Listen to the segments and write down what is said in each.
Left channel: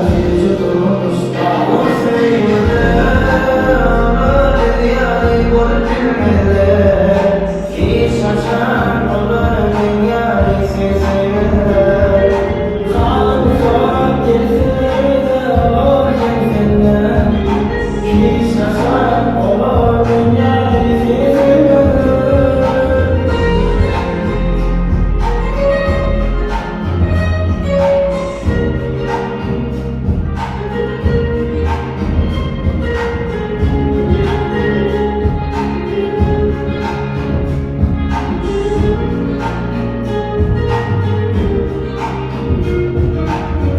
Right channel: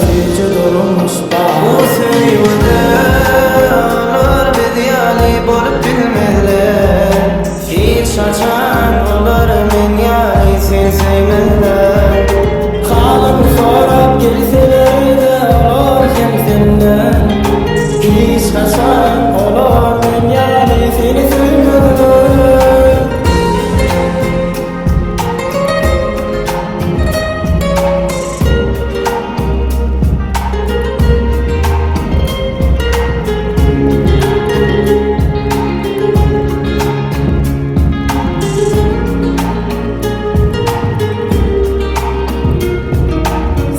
tici durmuş bu sevgide olur bediyali bolup bilmeli hiç açan olur men yani sen sevmeli kalım sorap gelseler de olur kendimden hiç açan olur men yani seni sevmeli.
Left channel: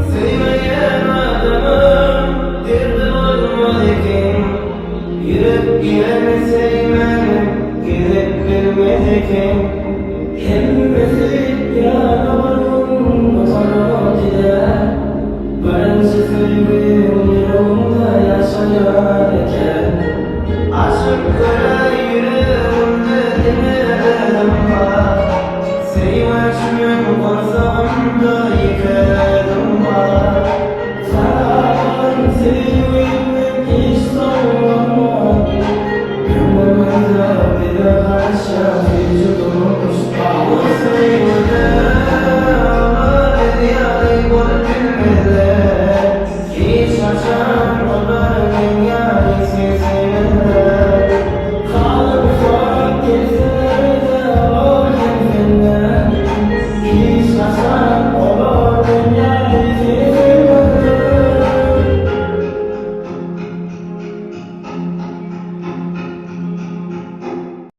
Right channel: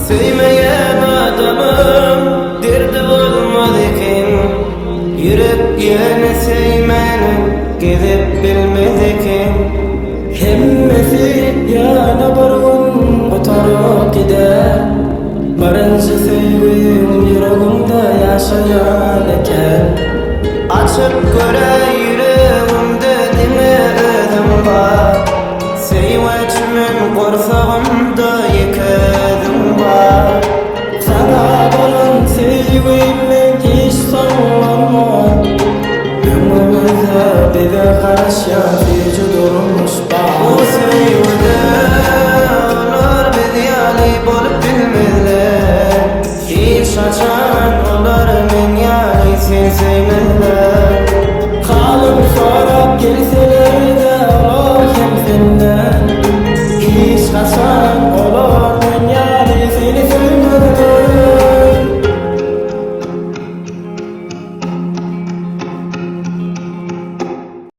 Sevmeyen adamım derdi olmadıkken yürüp yine sevmenin gidip bilmedikken hemmesi yana barın oturup gider barınca sevgim yüreğimde yaşayan eken açıp göreyim